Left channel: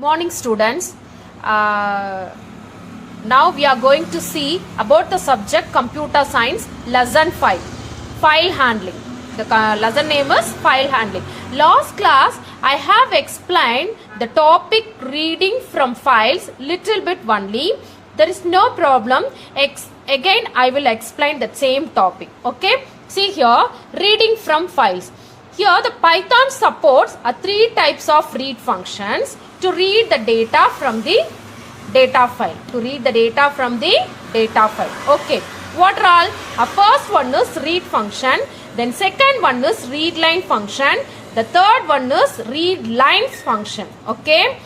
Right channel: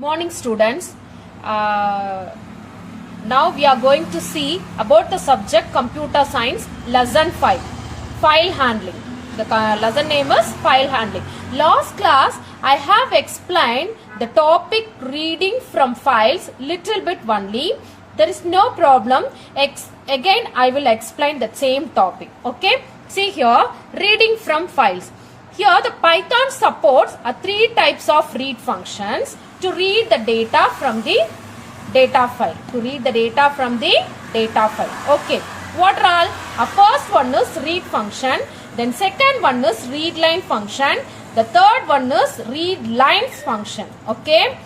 Morning students. Now we are going to see about the subject computer science lesson 5, file handling. The lesson name is file handling. Last class I have explained the topic reading from files little bit only. There is no problem. Again I will explain the same topic. Okay. See here, reading from files. Here the Python supports three types of read functions to read the data from the data file. Okay. What are all? First one is read function. Then second one is read line function. The third one is read lines function. Okay.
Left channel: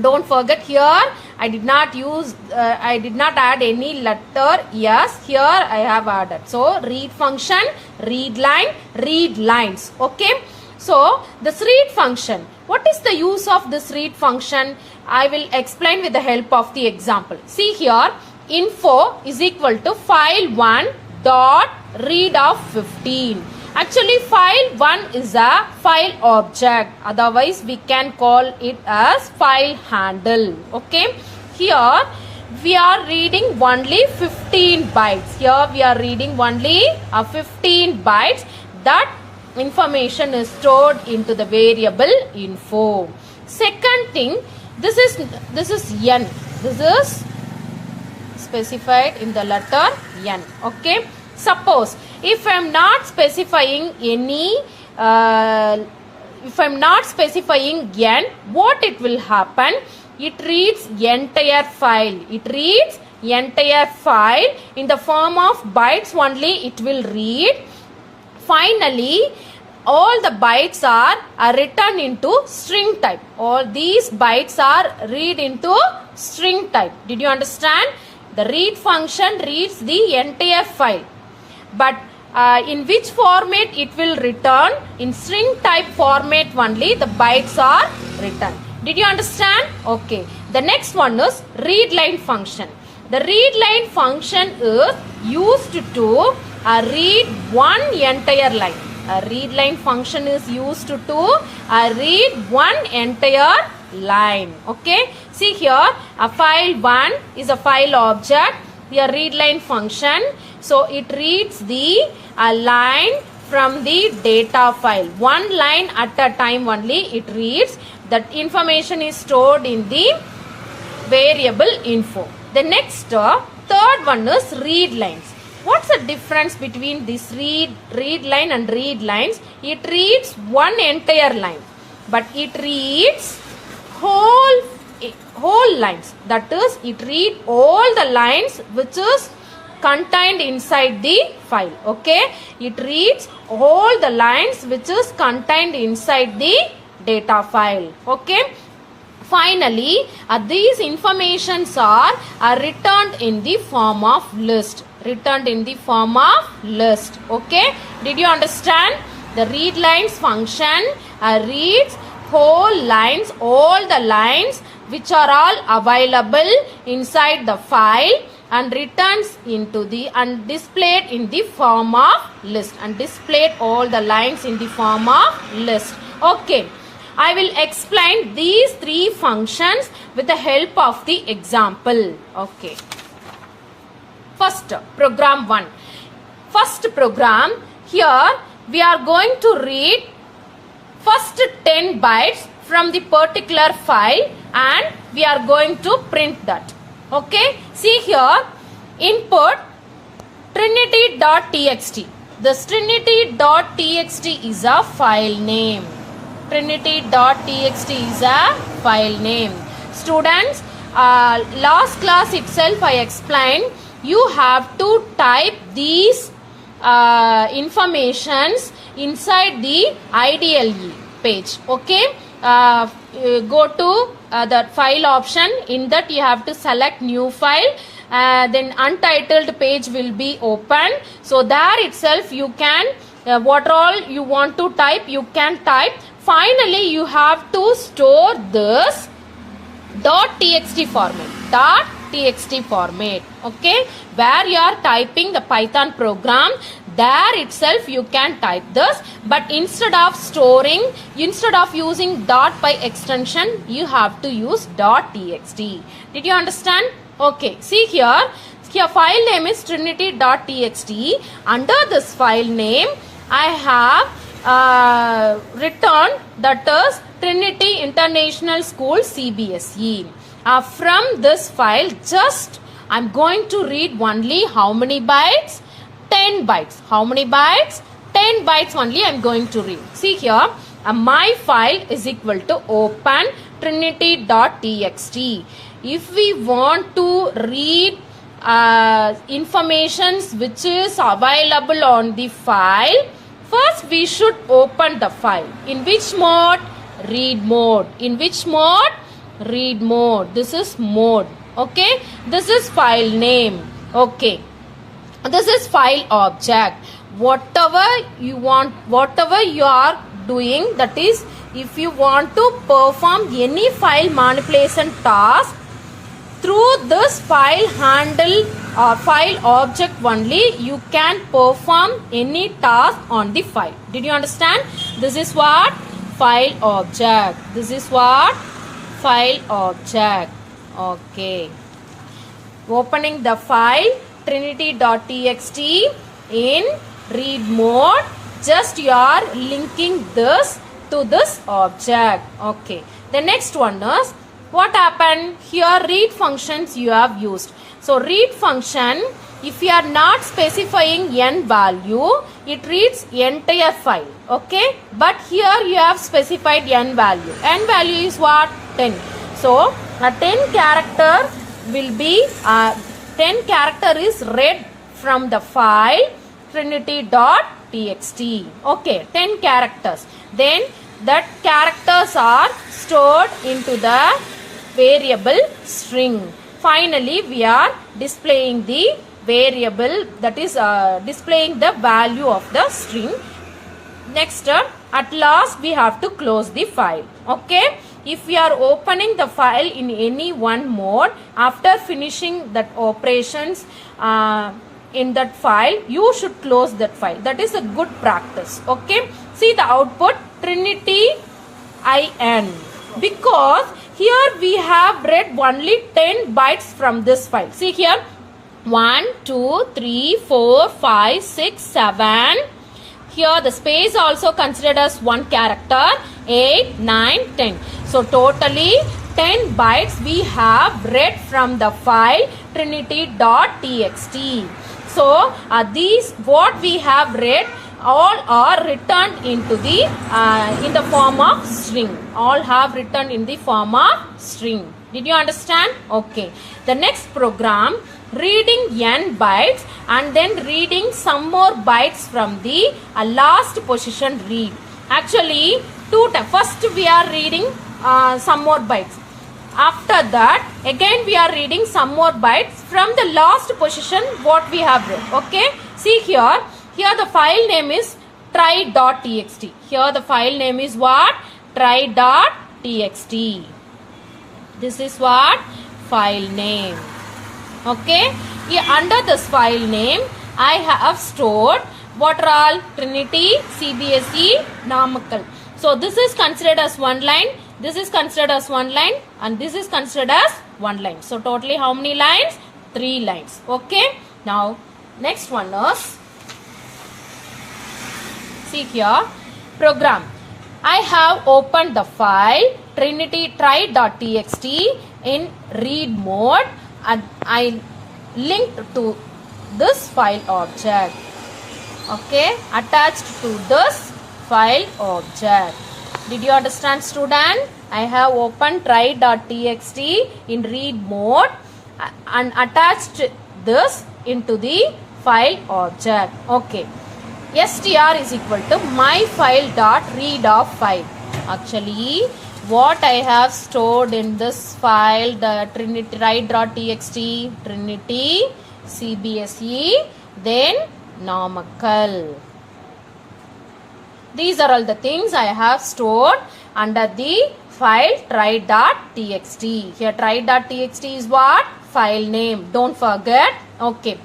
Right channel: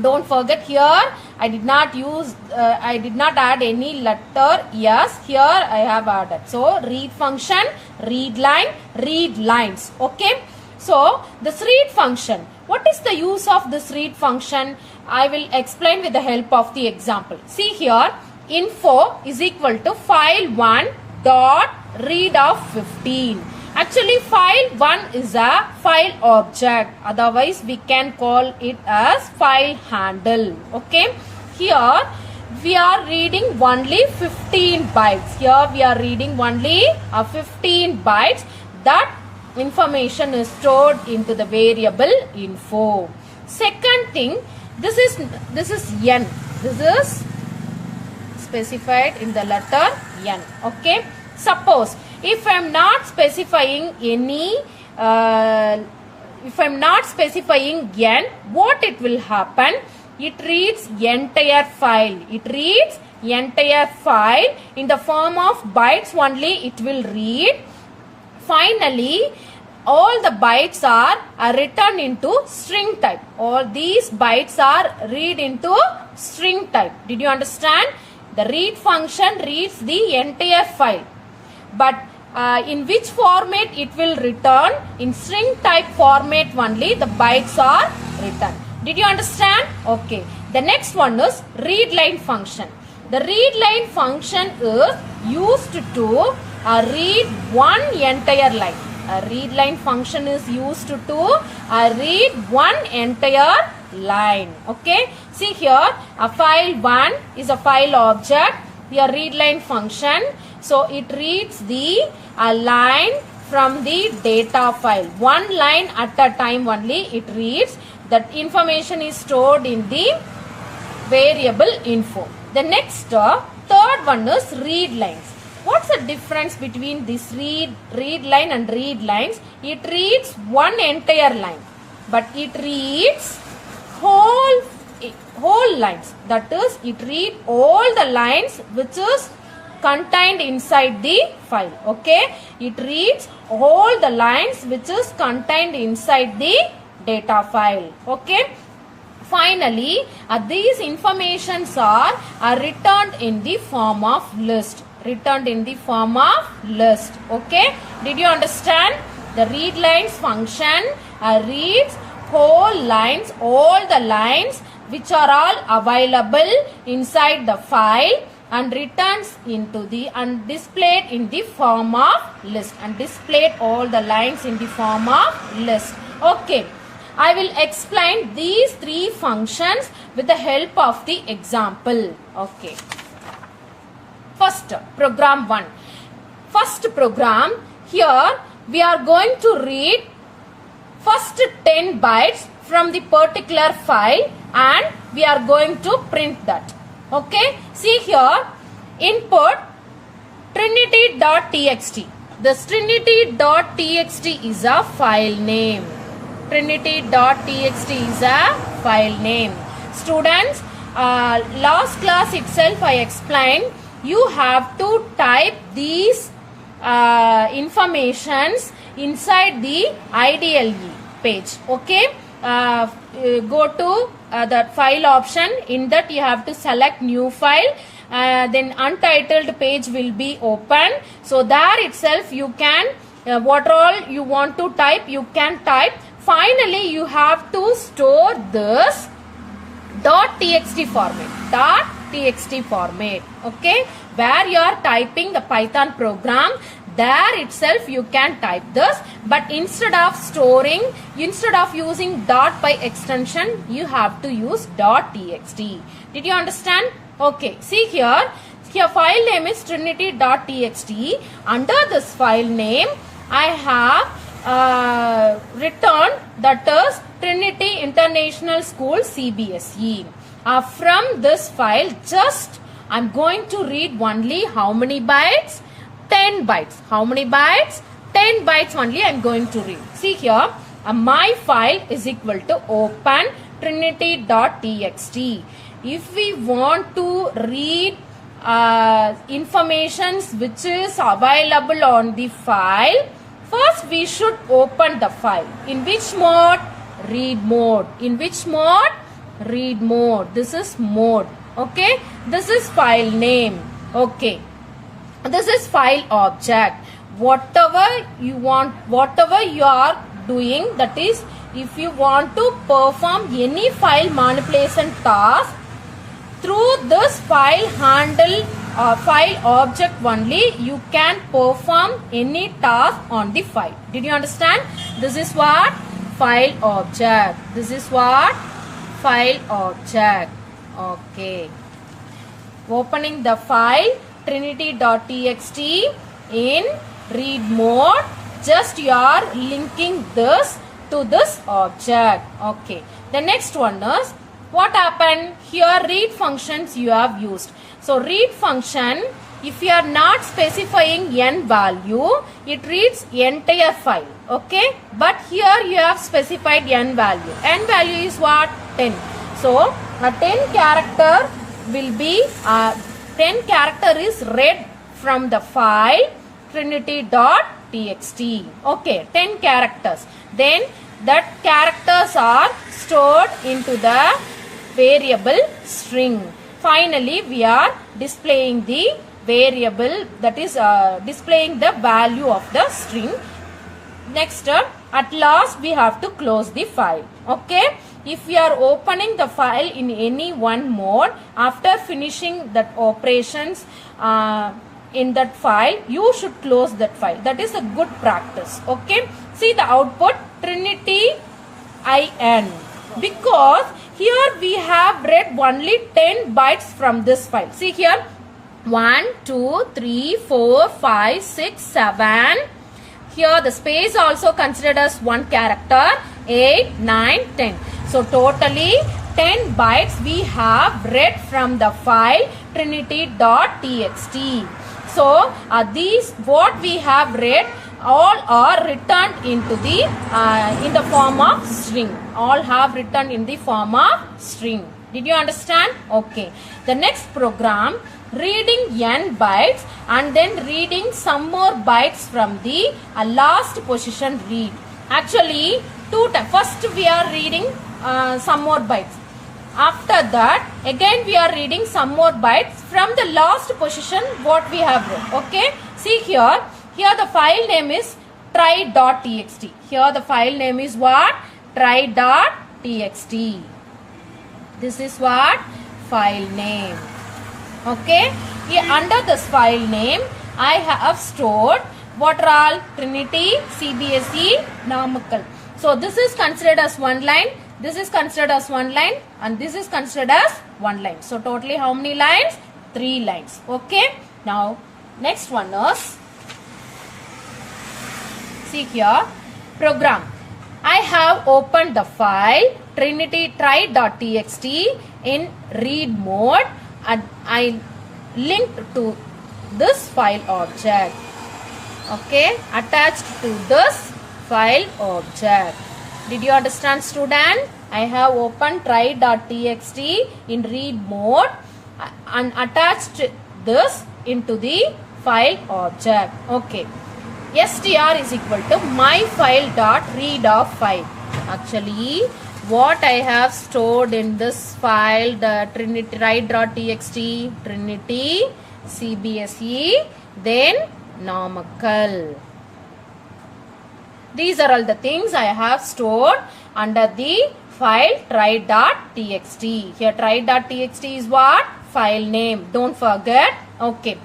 Don't forget here I did not add any letter yes. Here I have added. So read function, read line, read lines. Okay. So this read function. What is the use of this read function? I will explain with the help of the example. See here, info is equal to file1 dot read of 15. Actually, file 1 is a file object. Otherwise, we can call it as file handle. Okay. Here, we are reading only 15 bytes. Here, we are reading only 15 bytes. That information is stored into the variable info. Second thing, this is n. This is specified in the letter n. Okay. Suppose if I am not specifying any, if I am not specifying n, what it will happen? It reads entire file. It reads entire file in the form of bytes only. It will read. Finally, all the bytes are written into string type. All these bytes are read into string type. Did you understand? The read function reads the entire file. But in which format it will return? In string type format only the bytes are written. Did you understand? Okay. The next one is read line function. The read line function is used to read one entire line. A read line function is used to read one entire line. Okay. See here, a file1 is a file object. Here read line function. So it reads the line from the data file. One line at a time only it reads. That information is stored in the variable info. The next third one is read lines. What's the difference between this read line and read lines? It reads one entire line, but it reads whole lines. That is, it reads all the lines which is contained inside the file. Okay, it reads all the lines which is contained inside the data file. Okay. Finally, these informations are returned in the form of list. Okay. Did you understand? The read lines function reads whole lines, all the lines which are all available inside the file and returns into the and displayed in the form of list and displayed all the lines in the form of list. Okay. I will explain these three functions with the help of the example. Okay. First, program 1. First program, here we are going to read first 10 bytes from the particular file and we are going to print that. Okay. See here, input trinity.txt. This trinity.txt is a file name. Trinity.txt is a file name. Students, last class itself I explained you have to type these informations inside the IDLE page. Okay. Go to the file option. In that you have to select new file. Then untitled page will be open. So there itself you can what all you want to type you can type. Finally, you have to store this .txt format. Okay, where you are typing the Python program. there itself you can type this, but instead of using dot by extension, you have to use .txt. Did you understand? Okay, see here file name is trinity.txt. Under this file name, I have written that is Trinity International School CBSE. From this file, just I'm going to read only how many bytes? 10 bytes. How many bytes? 10 bytes only I'm going to read. See here, my file is equal to open trinity.txt. If we want to read informations which is available on the file, first we should open the file. In which mode? Read mode. In which mode? Read mode. This is mode. Okay. This is file name. Okay. This is file object. Whatever you want, whatever you are doing, that is, if you want to perform any file manipulation task, through this file handle file object only, you can perform any task on the file. Did you understand? This is what? File object. This is what? File object. Okay. Opening the file trinity.txt in read mode. Just you are linking this to this object. Okay. The next one is, what happened? Here read functions you have used. So read function, if you are not specifying n value, it reads entire file. Okay. But here you have specified n value. N value is what? 10. So a 10 character will be 10 character is read from the file trinity.txt. Okay. 10 characters. Then that characters are stored into the variable string. Finally, we are displaying the variable, that is displaying the value of the string. Next, at last we have to close the file. Okay. If we are opening the file in any one mode, after finishing that operations in that file, you should close that file. That is a good practice. Okay. See the output trinity in, because here we have read only 10 bytes from this file. See here, 1, 2, 3, 4, 5, 6, 7. Here the space also considered as one character. 8, 9, 10. So totally 10 bytes we have read from the file trinity.txt. So these what we have read all are written into the in the form of string. All have written in the form of string. Did you understand? Okay. The next program, reading n bytes and then reading some more bytes from the last position read. Actually, first we are reading some more bytes. After that, again we are reading some more bytes from the last position what we have read. Okay. See here. Here the file name is try.txt. Here the file name is what? Try.txt. This is what? File name. Okay. Here under this file name, I have stored what are all? Trinity, CBSE, Namakkal. So this is considered as one line. This is considered as one line. And this is considered as one line. So totally how many lines? 3 lines. Okay. Now next one is, see here, program. I have opened the file trinity try.txt in read mode and I linked to this file object. Okay, attached to this file object. Did you understand, student? I have opened try.txt in read mode and attached this into the file object. Okay. str is equal to myfile.read of file. Actually, what I have stored in this file, the trinity try.txt, Trinity, CBSE, then Namakkal. These are all the things I have stored under the file try.txt. Here try.txt is what? File name. Don't forget. Okay.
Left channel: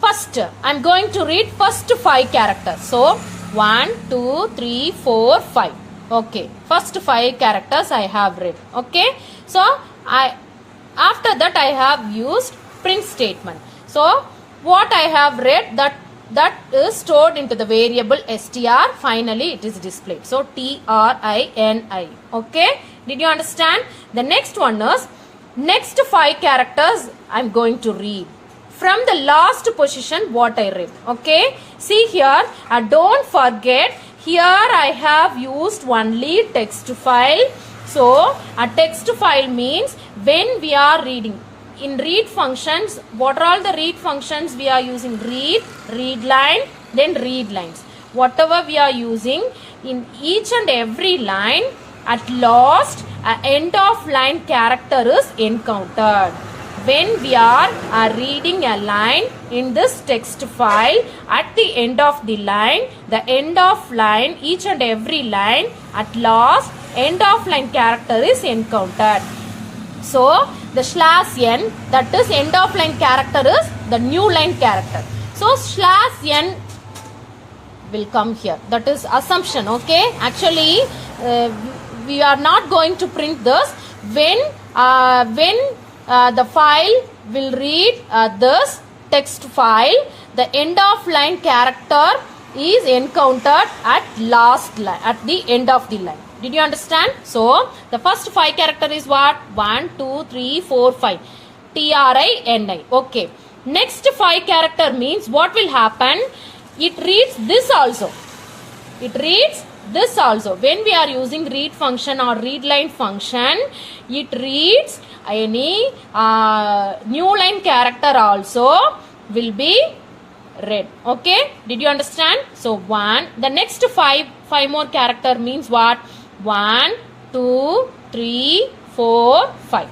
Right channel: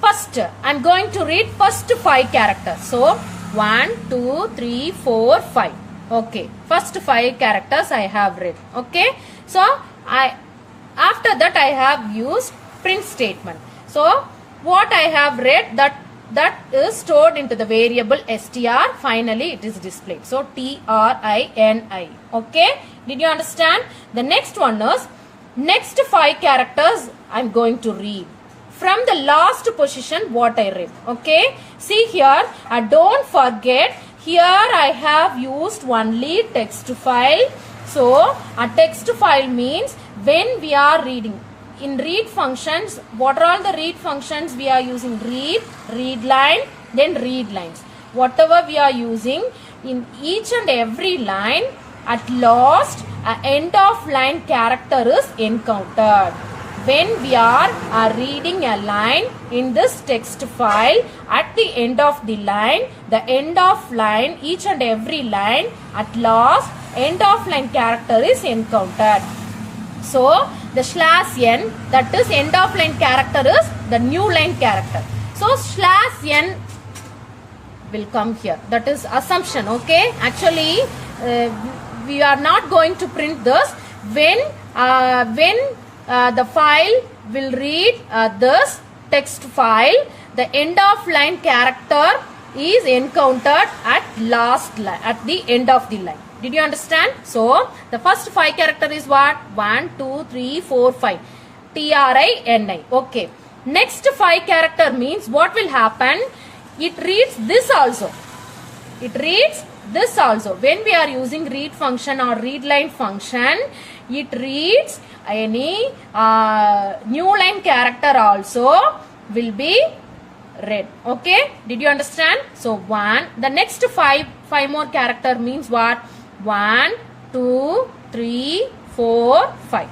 First, I'm going to read first 5 characters. So, 1, 2, 3, 4, 5. Okay. First 5 characters I have read. Okay. So, after that I have used print statement. So, what I have read that is stored into the variable str. Finally, it is displayed. So, trini. Okay. Did you understand? The next one is, next 5 characters I am going to read. From the last position what I read. Okay. See here, don't forget, here I have used only text file. So, a text file means when we are reading. In read functions, what are all the read functions we are using? Read, read line, then read lines. Whatever we are using, in each and every line, at last, end of line character is encountered. When we are reading a line in this text file, at the end of the line, the end of line, each and every line, at last, end of line character is encountered. So, the /n, that is end of line character, is the new line character. So, /n will come here. That is assumption, okay? Actually, we are not going to print this. When the file will read this text file, the end of line character is encountered at last line, at the end of the line. Did you understand? So, the first 5 character is what? 1, 2, 3, 4, 5. trini. Okay. Next 5 character means what will happen? It reads this also. It reads this also. When we are using read function or read line function, it reads any new line character also will be read. Okay. Did you understand? So, 1. The next 5 more character means what? 1, 2, 3, 4, 5.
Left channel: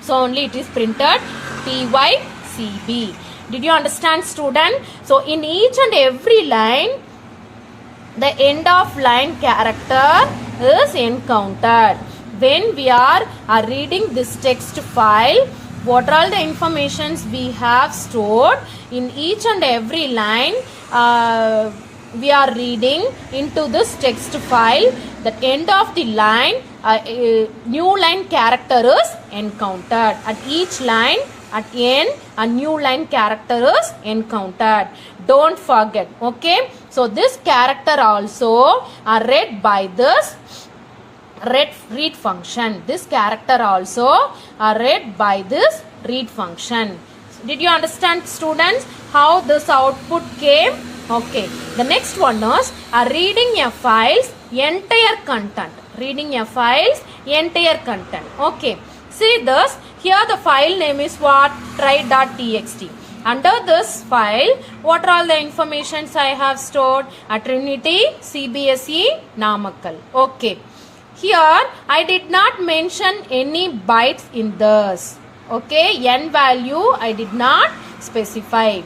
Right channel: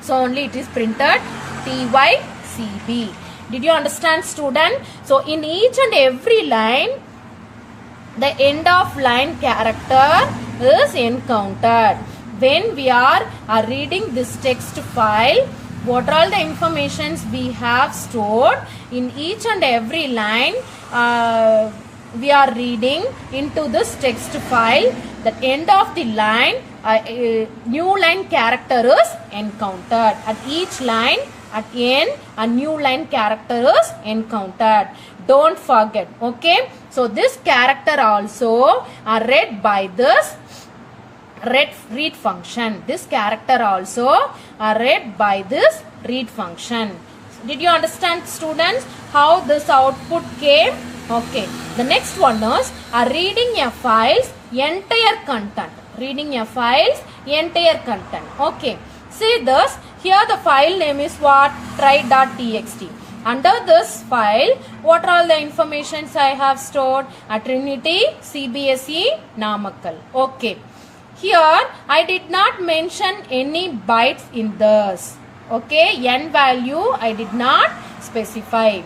So, only it is printed TYCB. Did you understand, student? So, in each and every line, the end of line character is encountered. When we are reading this text file, what are all the informations we have stored in each and every line we are reading into this text file, the end of the line, new line character is encountered. At each line, at end, a new line character is encountered. Don't forget, okay? So, this character also are read by this read function. This character also are read by this read function. Did you understand, students, how this output came? Okay. The next one is reading a file's entire content. Reading a file's entire content. Okay. See this. Here the file name is what? Try.txt. Under this file, what are all the informations I have stored? Trinity, CBSE, Namakkal. Okay. Here, I did not mention any bytes in this. Okay, n value I did not specify.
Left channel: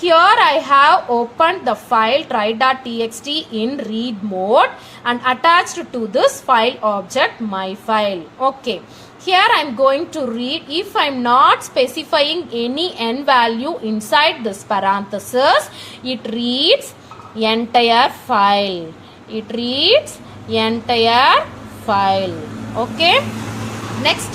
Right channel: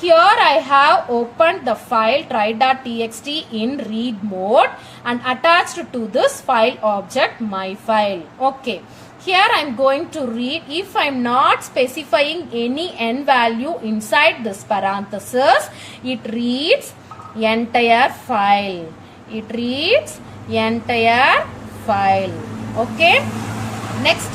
Here I have opened the file try.txt in read mode and attached to this file object my file. Okay. Here I am going to read. If I am not specifying any n value inside this parenthesis, it reads entire file. It reads entire file. Okay. Next,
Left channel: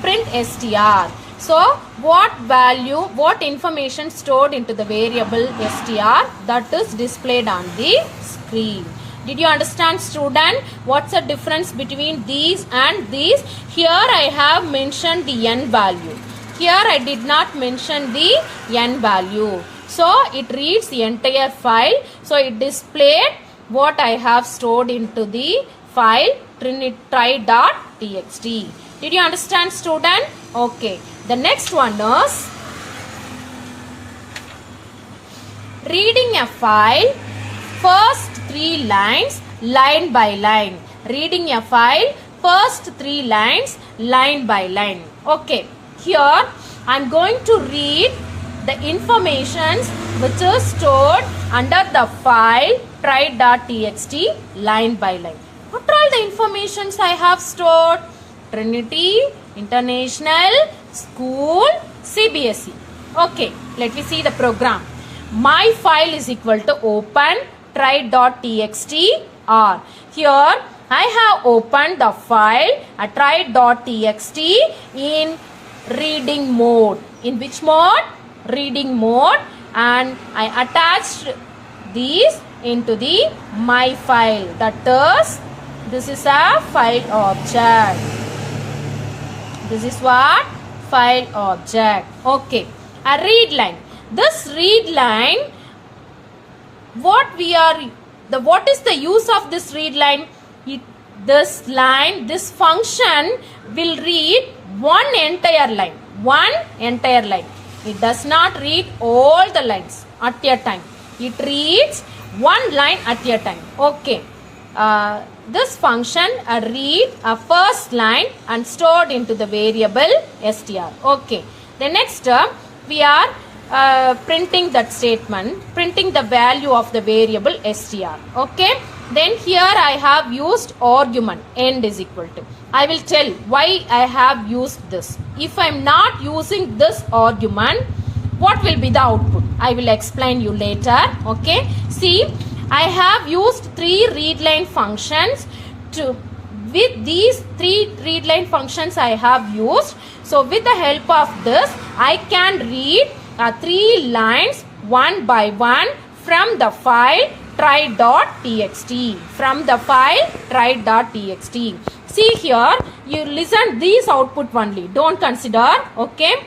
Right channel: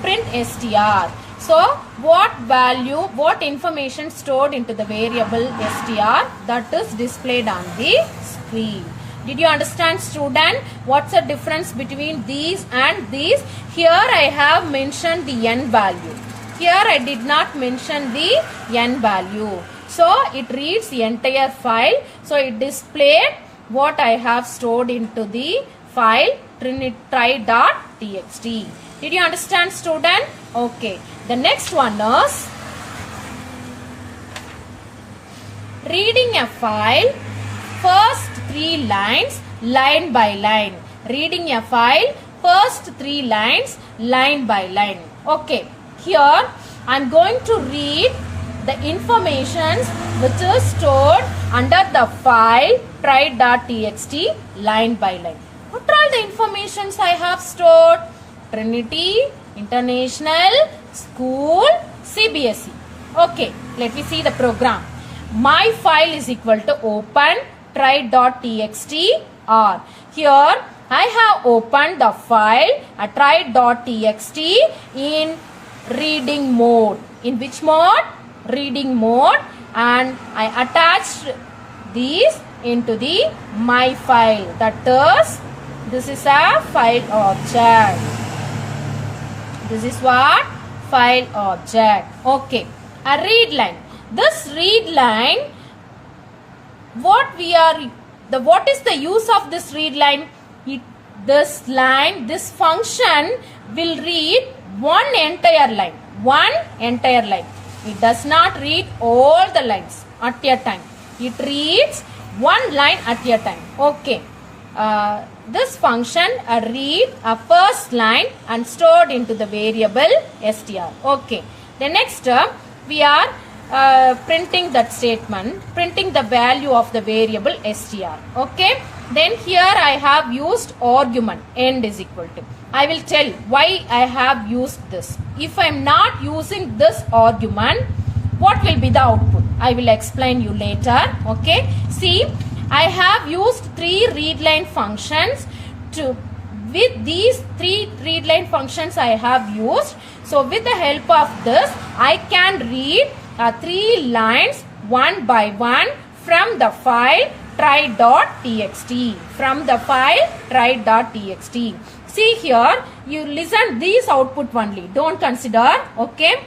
print str. So, what value, what information stored into the variable str, that is displayed on the screen. Did you understand, student? What's the difference between these and these? Here I have mentioned the n value. Here I did not mention the n value. So, it reads the entire file. So, it displayed what I have stored into the file try.txt. Did you understand, student? Okay. The next one is reading a file, first 3 lines, line by line. Reading a file, first 3 lines, line by line. Okay. Here, I am going to read the informations which is stored under the file try.txt line by line. What are all the informations I have stored? Trinity, International, School, CBSE. Okay, let me see the program. My file is equal to open try.txt or here I have opened the file try.txt in reading mode. In which mode? Reading mode, and I attached these into the my file. That is, this is a file object. This is what? File object. Okay. A read line. This read line, what is the use of this read line? This function will read one entire line. One entire line. It does not read all the lines at a time. It reads one line at a time. Okay. This function read a first line and stored into the variable str. Okay. The next we are printing that statement, printing the value of the variable str. Okay. Then here I have used argument end is equal to. I will tell why I have used this. If I am not using this argument, what will be the output? I will explain you later. Okay. See, I have used three readline functions with these three readline functions I have used. So with the help of this, I can read three lines one by one from the file try.txt. From the file try.txt. See here, you listen these output only. Don't consider. Okay.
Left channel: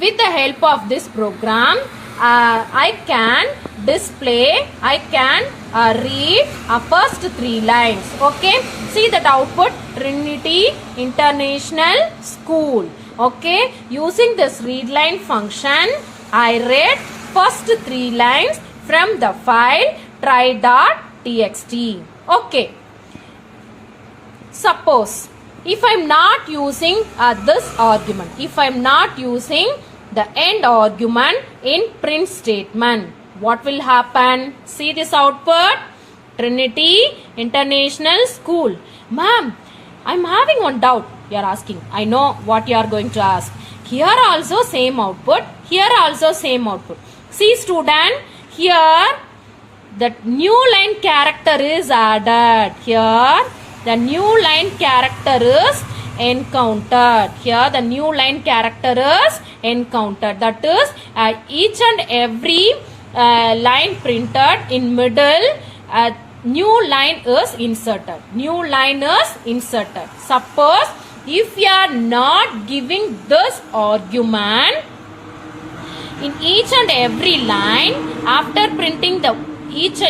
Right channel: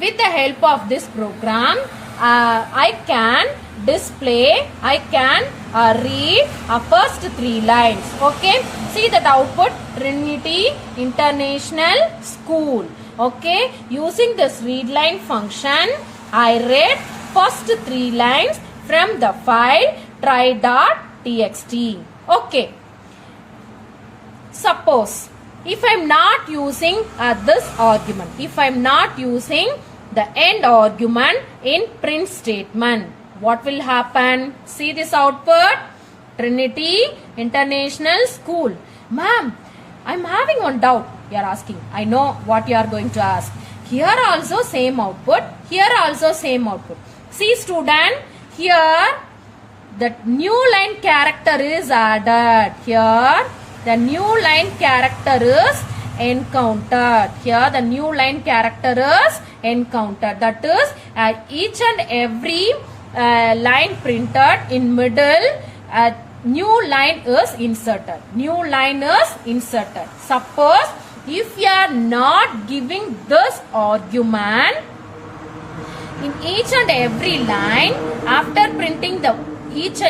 With the help of this program, I can read first three lines. Okay. See that output, Trinity International School. Okay. Using this readline function, I read first three lines from the file try.txt. Okay. Suppose if I am not using this argument, if I am not using the end argument in print statement, what will happen? See this output, Trinity International School. Ma'am, I am having one doubt. You are asking. I know what you are going to ask. Here also same output. Here also same output. See student, here the new line character is added. Here the new line character is encountered. Here the new line character is encountered. That is each and every line printed in middle, new line is inserted. New line is inserted. Suppose if you are not giving this argument in each and every line, after printing the each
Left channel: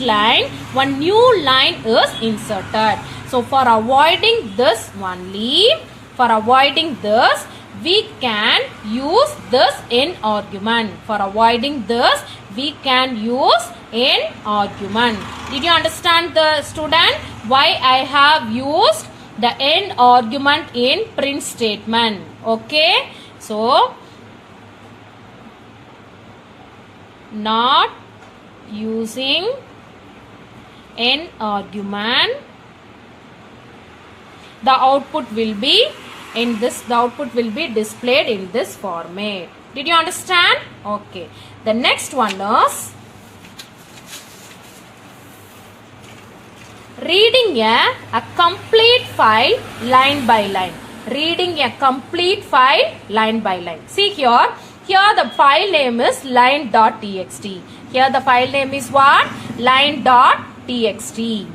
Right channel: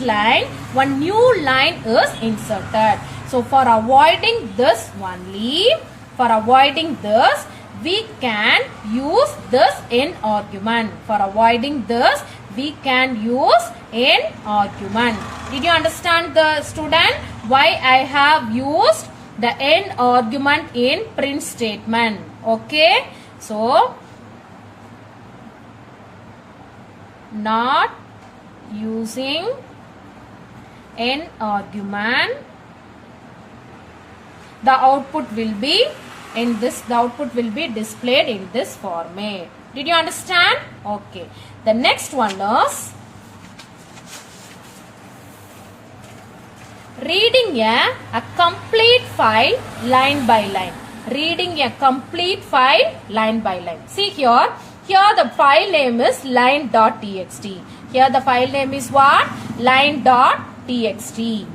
line, one new line is inserted. So for avoiding this only, we can use this in argument. For avoiding this, we can use in argument. Did you understand the student why I have used the end argument in print statement? Okay. So not using an argument, the output will be displayed in this format. Did you understand? Okay. The next one is reading a complete file line by line. Reading a complete file line by line. See here. Here the file name is line.txt. Here the file name is what? Line.txt.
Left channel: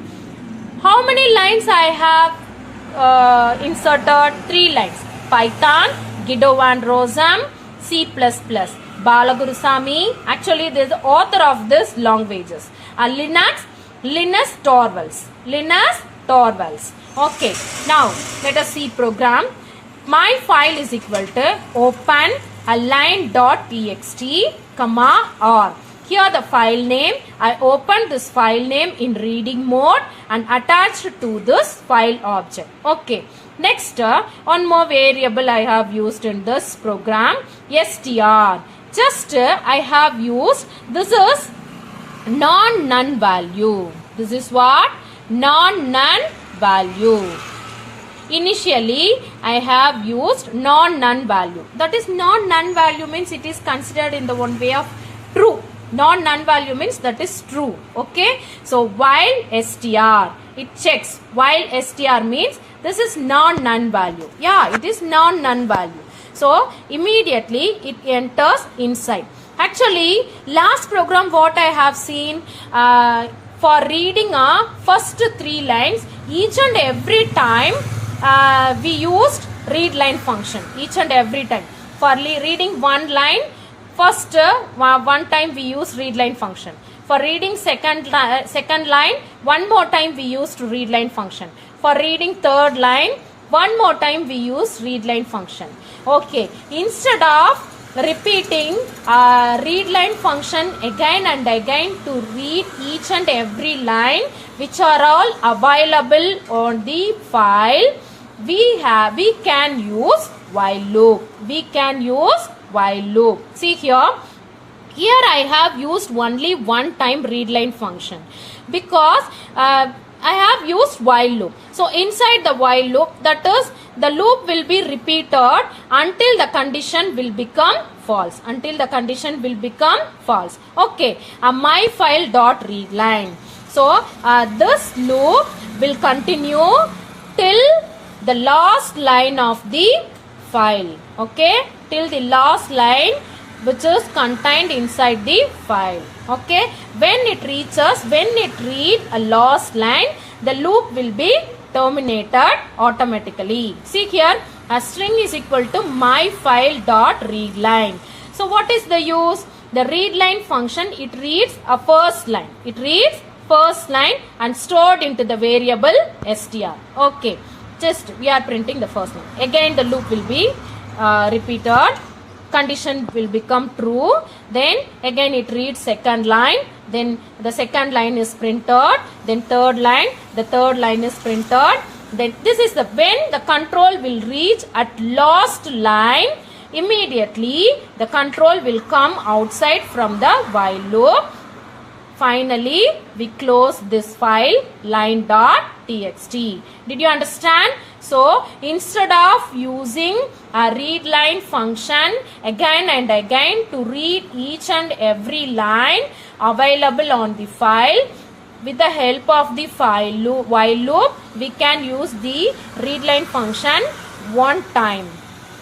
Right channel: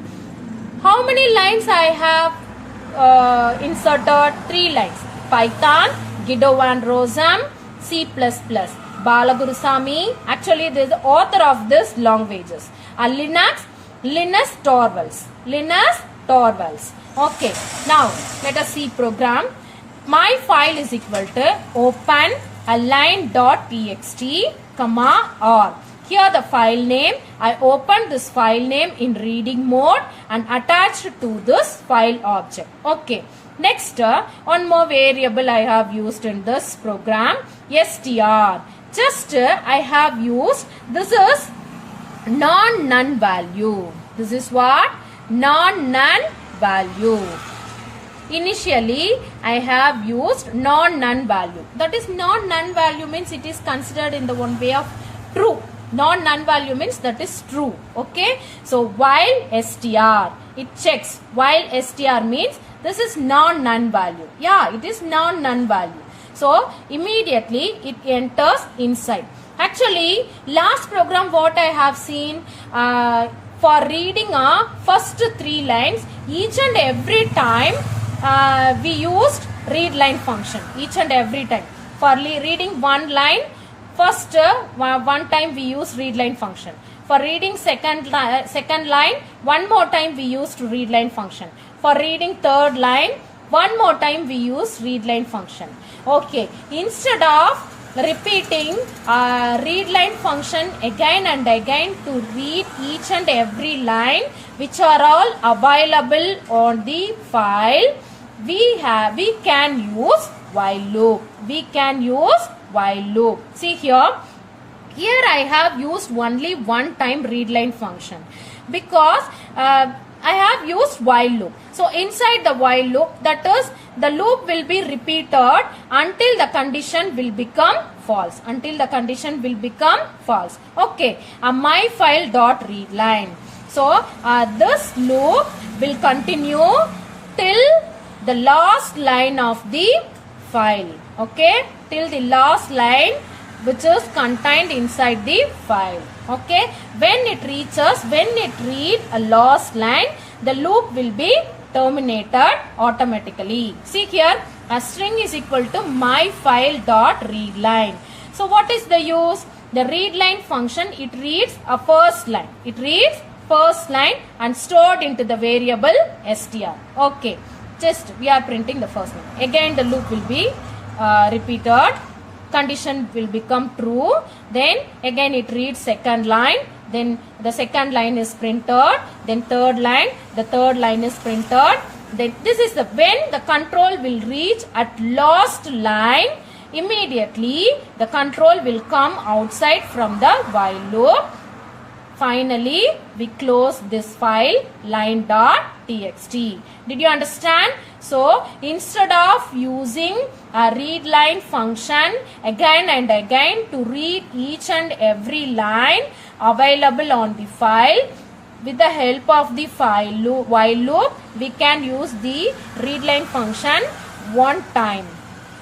How many lines I have inserted? 3 lines. Python, Guido van Rossum, C++. Balagurusamy. Actually, there is the author of this languages. Linus Torvalds. Okay. Now, let us see program. My file is equal to open a line.txt, or. Here the file name, I opened this file name in reading mode and attached to this file object. Okay. Next, one more variable I have used in this program, str. Just I have used, this is non-none value. This is what? Non-none value. Initially, I have used non-none value. That is non-none value means it is considered in the one way of true. Non-none value means that is true. Okay. So while str, it checks. While str means this is non-none value. Yeah, it is non-none value. So immediately it enters inside. Actually, last program what I have seen for reading first 3 lines, each and every time we used read line function. Each and every time. For reading one line, first one time we use read line function. For reading second line, one more time we used read line function. For reading third line, one more time we use read line function. Okay, instead of repeating read line function again and again to read each and every line which are all available on the file, we can use while loop. We can use while loop. See here I have used only one time read line function because I have used while loop. So inside the while loop, that is the loop will be repeated until the condition will become false. Until the condition will become false. Okay, my file dot read line. So this loop will continue till the last line of the file. Okay, till the last line which is contained inside the file. Okay, when it reads a last line, the loop will be terminated automatically. See here, a string is equal to my file dot read line. So what is the use? The read line function, it reads a first line. It reads first line and stored into the variable str. Okay, just we are printing the first line. Again the loop will be repeated. Condition will become true. Then again it reads second line. Then the second line is printed. Then third line. The third line is printed. Then this is the when the control will reach at last line. Immediately the control will come outside from the while loop. Finally, we close this file line.txt. Did you understand? So, instead of using a read line function again and again to read each and every line available on the file, with the help of the while loop, we can use the read line function one time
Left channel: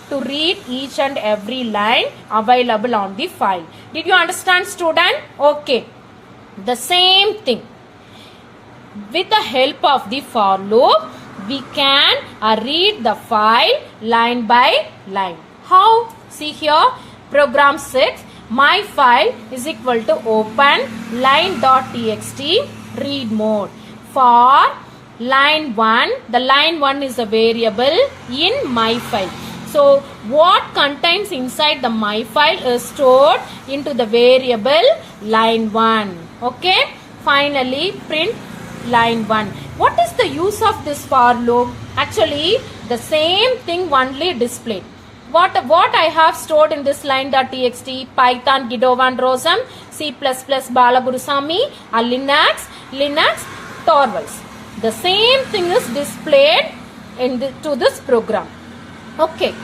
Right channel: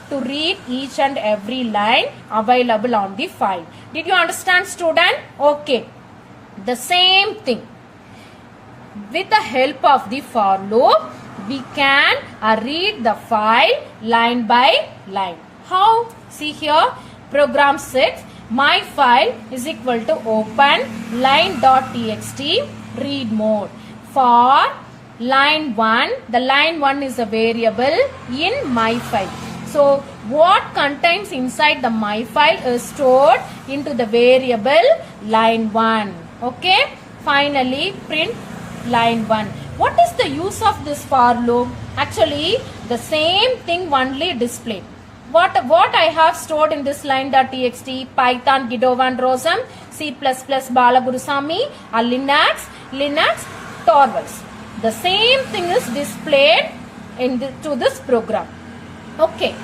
to read each and every line available on the file. Did you understand, student? Okay. The same thing. With the help of the for loop, we can read the file line by line. How? See here, program 6, my file is equal to open line.txt read mode. For line 1, the line 1 is a variable in my file. So, what contains inside the my file is stored into the variable line 1. Okay. Finally, print line 1. What is the use of this for loop? Actually, the same thing only displayed. What I have stored in this line.txt, Python, Guido van Rossum, C++, Balagurusamy, Linux, Torvalds. The same thing is displayed to this program. Okay,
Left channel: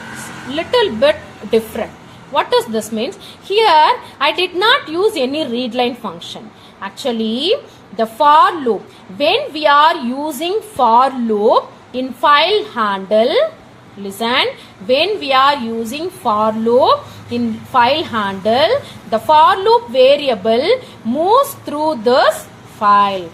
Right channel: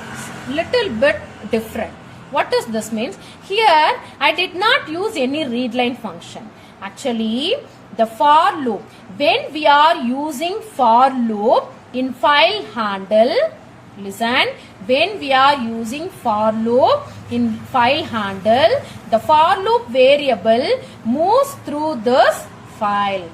little bit different. What does this mean? Here, I did not use any read line function. Actually, the for loop, when we are using for loop in file handle, listen, when we are using for loop in file handle, the for loop variable moves through this file,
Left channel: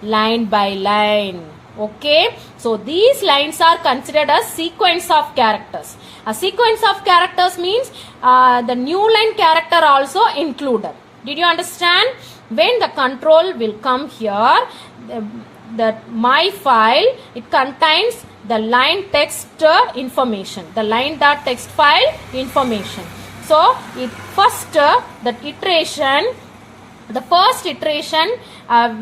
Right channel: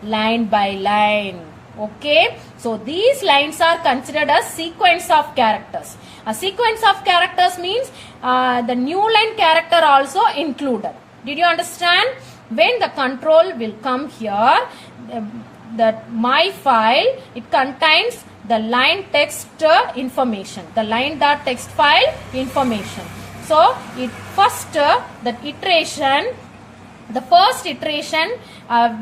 line by line. Okay, so these lines are considered as sequence of characters. A sequence of characters means the new line character also included. Did you understand? When the control will come here, that my file, it contains the line text information, the line.txt file information. So, it first the first iteration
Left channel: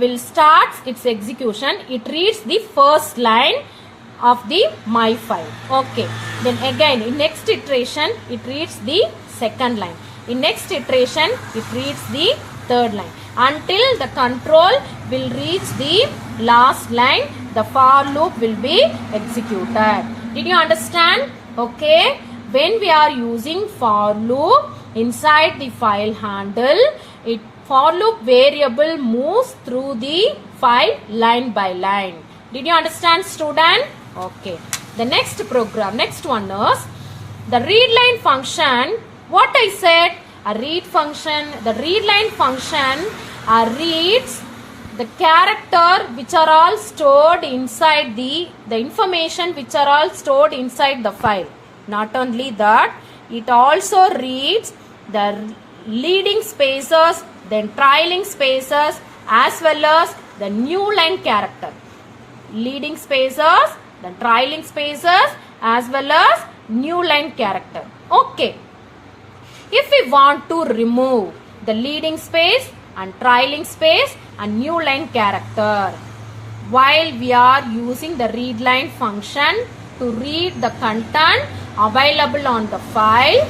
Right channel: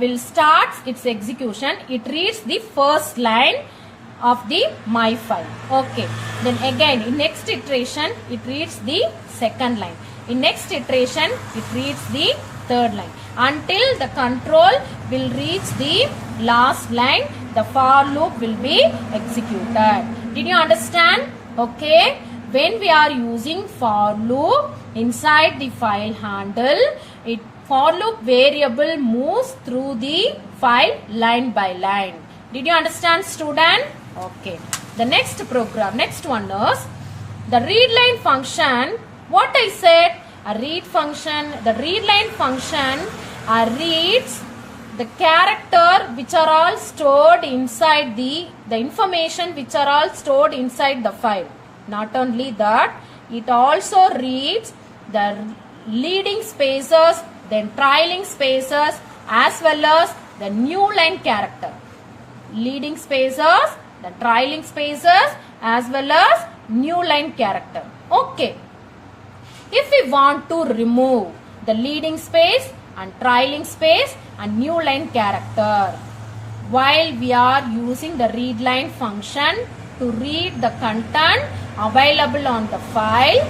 will start its execution. It reads the first line of the my file. Okay. Then again, in next iteration, it reads the second line. In next iteration, it reads the third line. Until the control will reach the last line, the for loop will be executed. Did you understand? Okay. When we are using for loop inside the file handle, for loop variable moves through the file line by line. Did you understand, student? Okay. The next program, next one is the readline function. What I said, a read function, the readline function reads the character which are all stored inside the information which are all stored inside the file. Not only that, it also reads the leading spaces, then trailing spaces, as well as the new line character. Leading spaces, the trailing spaces, as well as new line character. Okay. If we want to remove the leading space and trailing space and new line character, while we are using the readline function to read the content available on the file,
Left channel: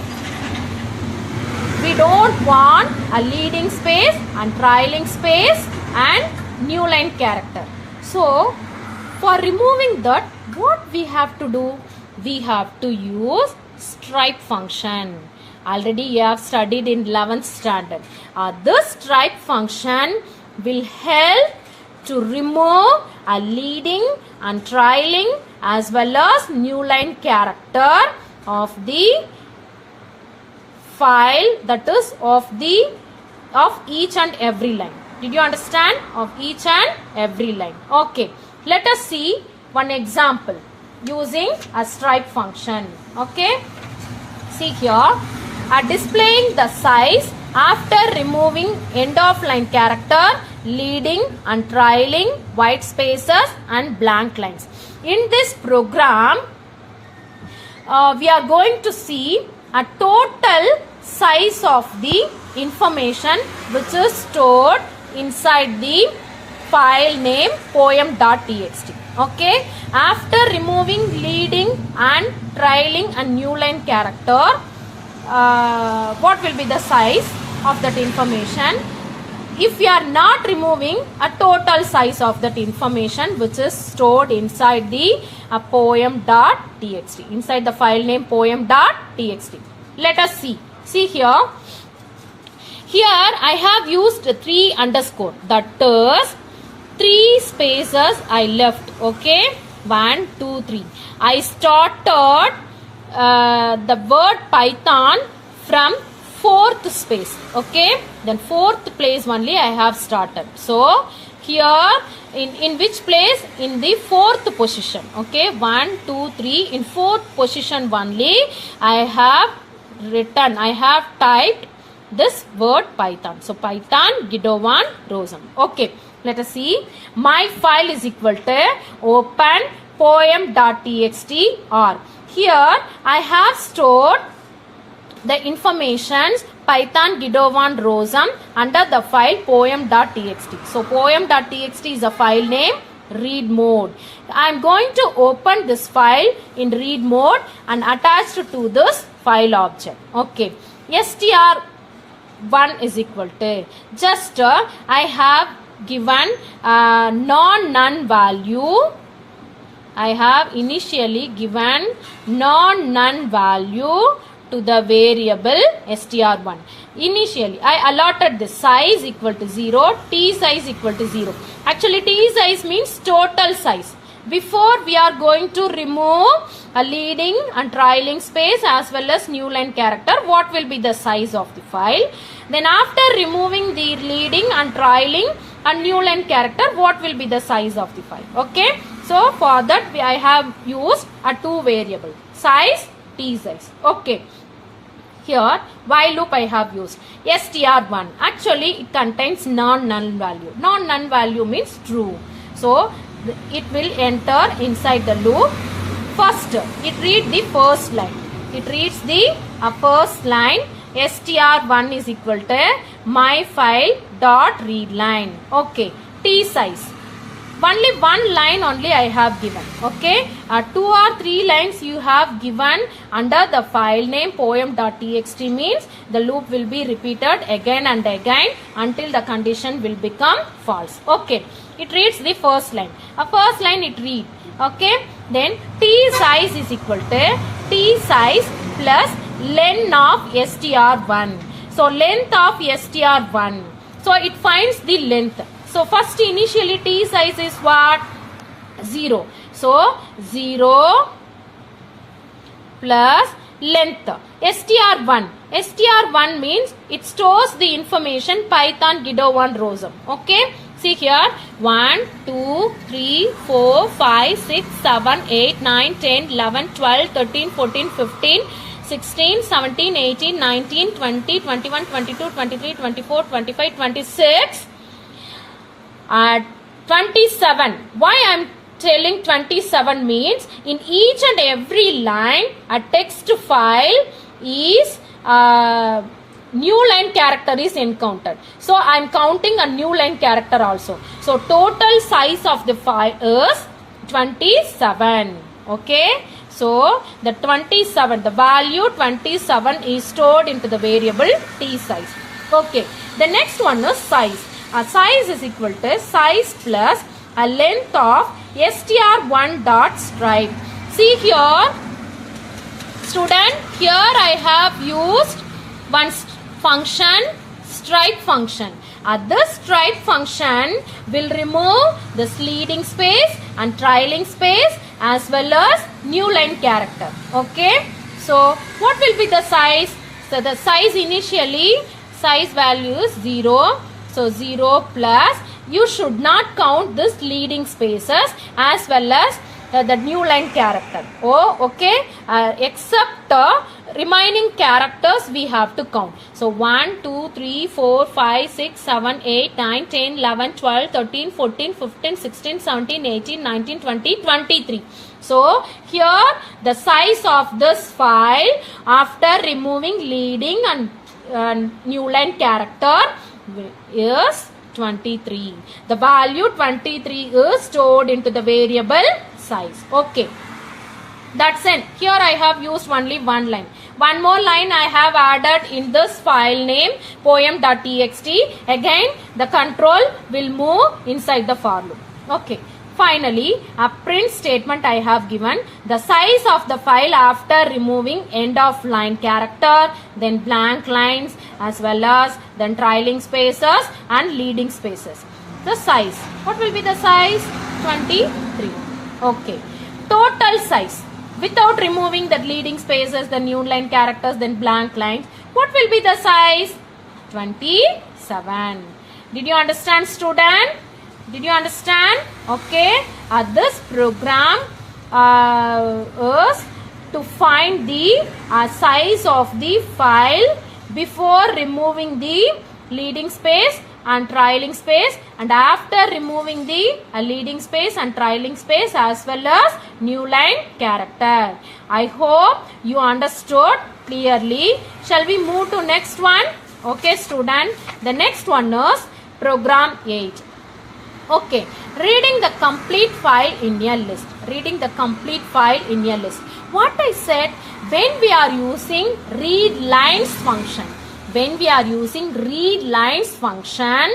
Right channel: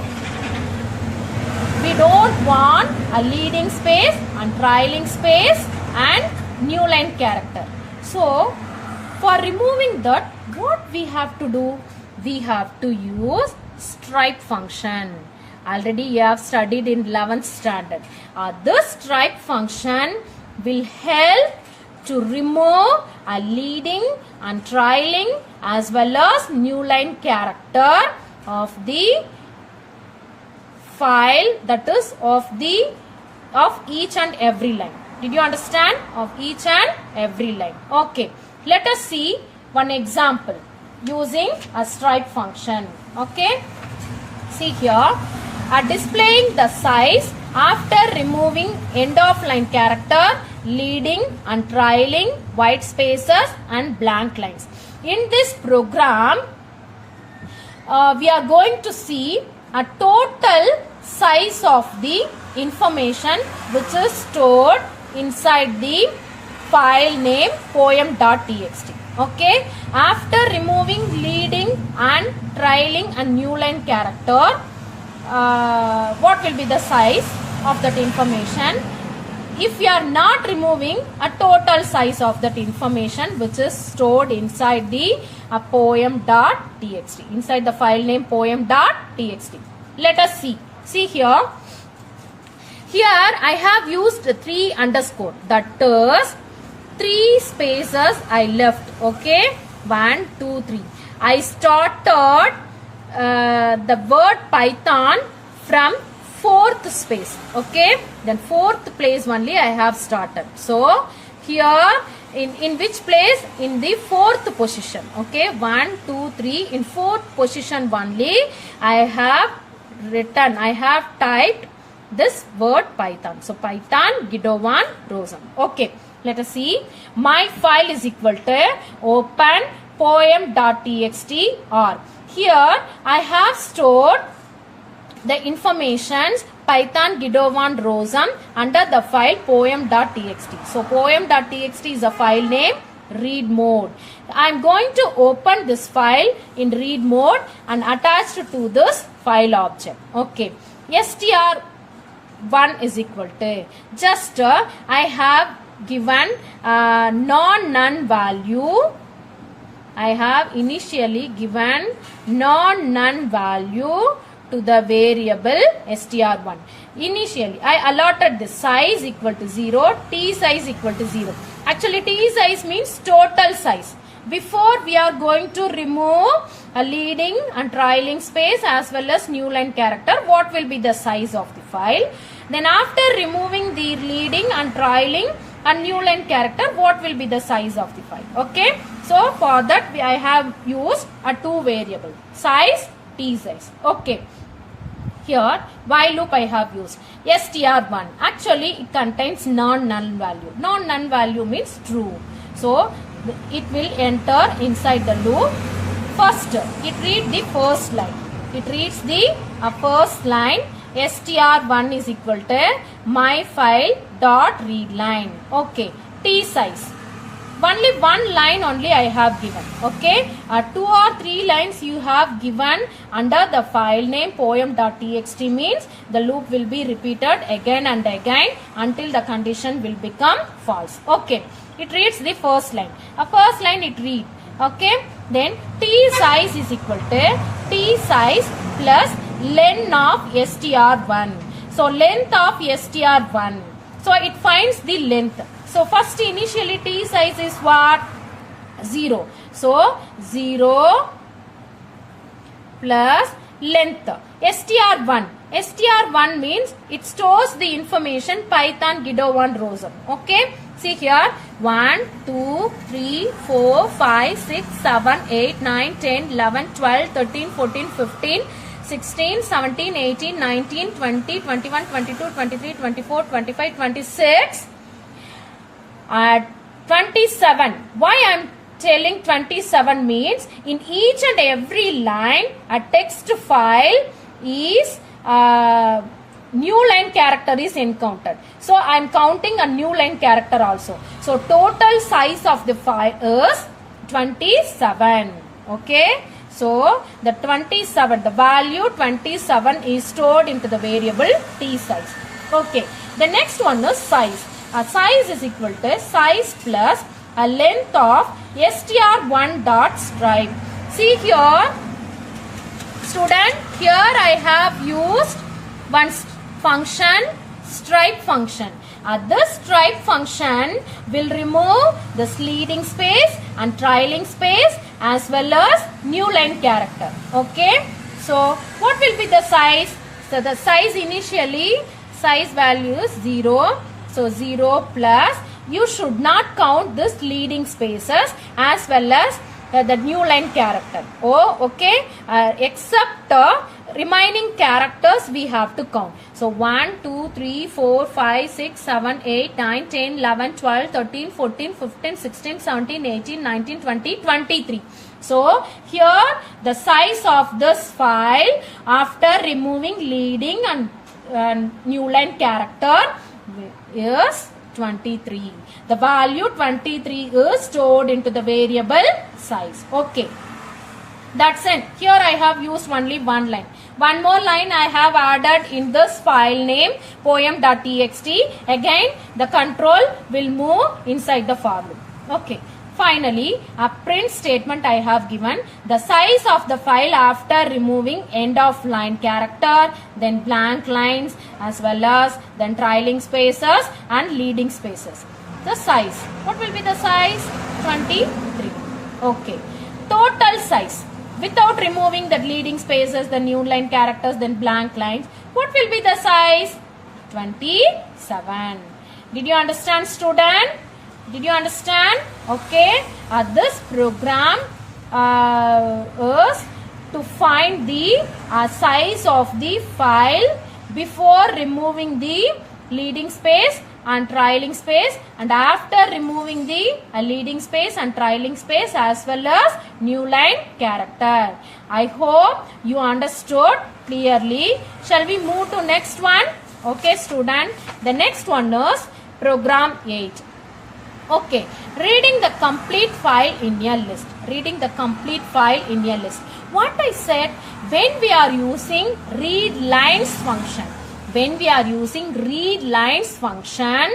we don't want a leading space and trailing space and new line character. So, for removing that, what we have to do? We have to use stripe function. Already you have studied in 11th standard. This stripe function will help to remove a leading and trailing as well as new line character of the file, that is of each and every line. Did you understand? Of each and every line. Okay. Let us see one example using a stripe function. Okay. See here. Displaying the size after removing end of line character, leading and trailing, white spaces and blank lines. In this program, we are going to see a total size of the information which is stored inside the file name poem.txt. Okay. After removing leading and trailing and new line character, what will be the size of that information? If we are not removing a total size of that information which is stored inside the poem.txt, inside the file name poem.txt. Let us see. See here. Here I have used 3 underscore. That is 3 spaces I left. Okay. 1, 2, 3. I started the word Python from 4th space. Okay. Then 4th place only I have started. So here in which place? In the 4th position. Okay. 1, 2, 3. In 4th position only I have written, I have typed this word Python. So Python Guido1 Rosum. Okay. Let us see. My file is equal to open poem.txt or here I have stored the informations Python Guido1 Rosum under the file poem.txt. So poem.txt is a file name, read mode. I am going to open this file in read mode and attached to this file object. Okay. str1 is equal to just I have given none value. I have initially given none value to the variable str1. Initially I allotted the size equal to 0, t size equal to 0. Actually t size means total size. Before we are going to remove a leading and trailing space as well as new line character, what will be the size of the file? Then after removing the leading and trailing and new line character, what will be the size of the file? Okay. So for that I have used a 2 variable, size, t size. Okay. Here while loop I have used str1. Actually it contains non-null value. Non-null value means true. So it will enter inside the loop. First it reads the first line. It reads the first line. str1 is equal to my file dot read line. Okay. T size. Only 1 line only I have given. Okay. 2 or 3 lines you have given under the file name poem.txt means the loop will be repeated again and again until the condition will become false. Okay. it reads the first line. A first line it reads. Okay. Then T size is equal to T size plus len of str1. So length of str1. So it finds the length. So first initially T size is what? 0. So 0 plus length str1. str1 means it stores the information Python Guido 1 rows up. Okay. See here 1, 2, 3, 4, 5, 6, 7, 8, 9, 10, 11, 12, 13, 14, 15, 16, 17, 18, 19, 20, 21, 22, 23, 24, 25, 26, 27. Why I am telling 27 means in each and every line a text file is new line character is encountered. So I am counting a new line character also. So total size of the file is 27. Okay. So the 27, the value 27 is stored into the variable T size. Okay. The next one is size. Size is equal to size plus a length of str1 dot stripe. See here, student, here I have used one function, stripe function. This stripe function will remove this leading space and trailing space as well as new line character. Okay. So what will be the size? So the size initially, size value is 0. So 0 plus, you should not count this leading spaces as well as the new line character. Oh, okay. Except the remaining characters we have to count. So 1, 2, 3, 4, 5, 6, 7, 8, 9, 10, 11, 12, 13, 14, 15, 16, 17, 18, 19, 20, 23. So here the size of this file after removing leading and new line character is 23. The value 23 is stored into the variable size. Okay. That's it. Here I have used only one line. One more line I have added in this file name poem.txt. Again the control will move inside the for loop. Okay. Finally, a print statement I have given the size of the file after removing end of line character, then blank lines as well as then trailing spaces and leading spaces. The size. What will be the size? 23. Okay. Total size. Without removing the leading spaces, the new line characters, then blank lines. What will be the size? 27. Did you understand, student? Did you understand? Okay. This program is to find the size of the file before removing the leading space and trailing space and after removing the leading space and trailing space as well as new line character. I hope you understood clearly. Shall we move to next one? Okay, student. The next one is program 8. Okay, reading the complete file in a list. Reading the complete file in a list. What I said, when we are using read lines function, when we are using read lines function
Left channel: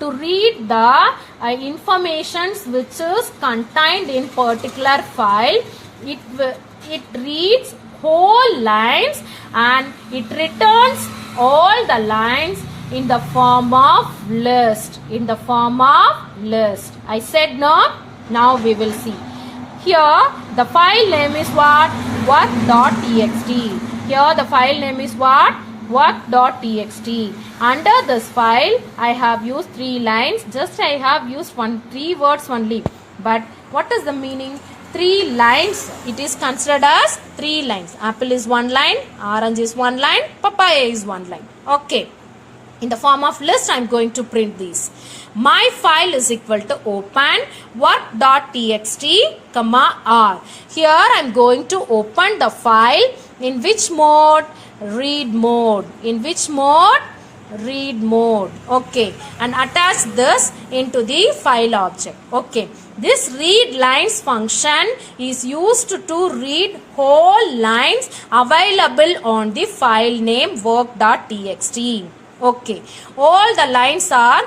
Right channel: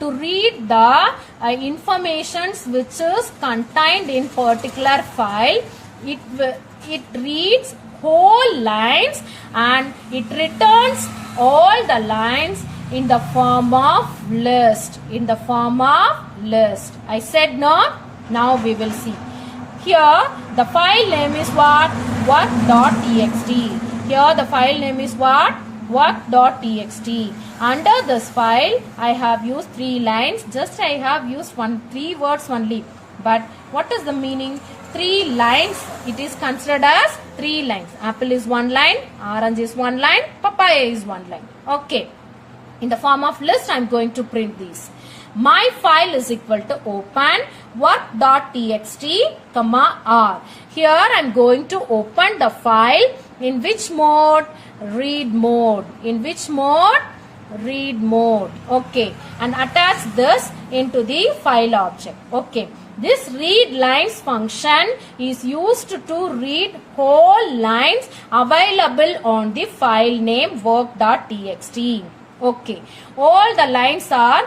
to read the informations which is contained in particular file, it reads whole lines and it returns all the lines in the form of list. In the form of list. I said no? Now we will see. Here the file name is what? Work.txt. Here the file name is what? Work.txt. Under this file I have used 3 lines. Just I have used 3 words only. But what is the meaning? 3 lines. It is considered as 3 lines. Apple is 1 line. Orange is 1 line. Papaya is 1 line. Okay. In the form of list, I am going to print these. My file is equal to open work.txt, R. Here I am going to open the file in which mode? Read mode. In which mode? Read mode. Okay. And attach this into the file object. Okay. This read lines function is used to read whole lines available on the file name work.txt. Okay, all the lines are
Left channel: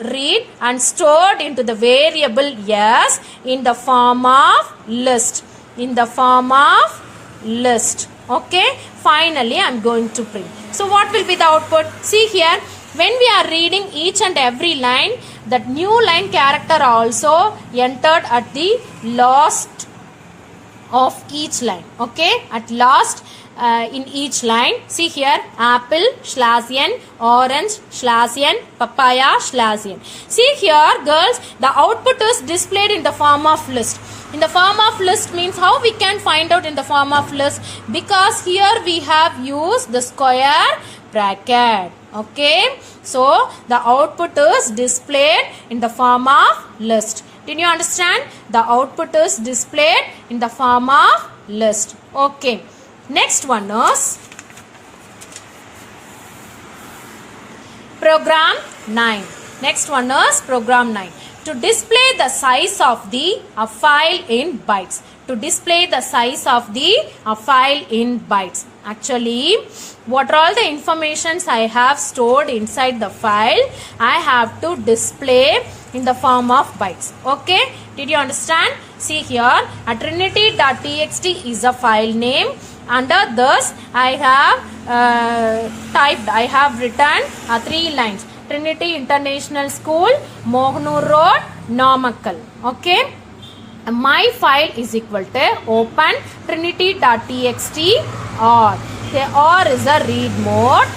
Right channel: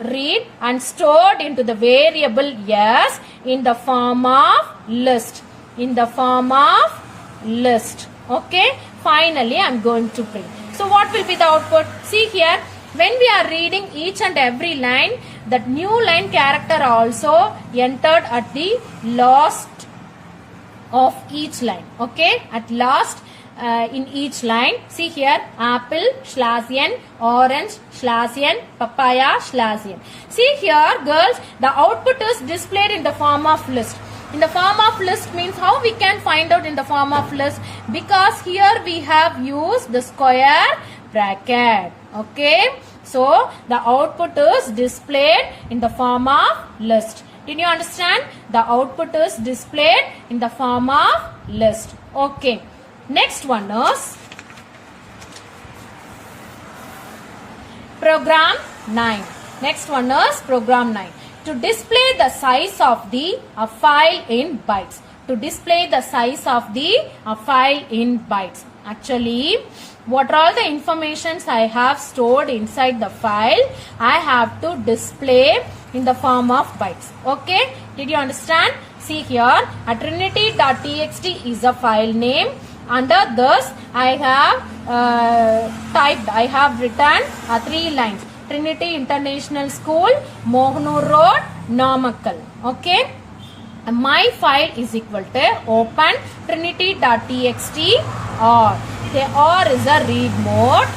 read and stored into the variable s in the form of list. In the form of list. Okay. Finally, I'm going to print. So what will be the output? See here, when we are reading each and every line, that new line character also entered at the last of each line. Okay. At last in each line. See here, apple slash n, orange slash n, papaya slash n. See here, girls, the output is displayed in the form of list. In the form of list means how we can find out in the form of list? Because here we have used the square bracket. Okay. So the output is displayed in the form of list. Did you understand? The output is displayed in the form of list. Okay. Next one is program 9. Next one is program 9. To display the size of the file in bytes. To display the size of the file in bytes. Actually, what are all the informations I have stored inside the file, I have to display in the form of bytes. Okay. Did you understand? See here, trinity.txt is a file name. Under this, I have written 3 lines. Trinity International School, Mohanur Road, Namakkal. Okay. My file is equal to open trinity.txt or. Okay, or is a read mode.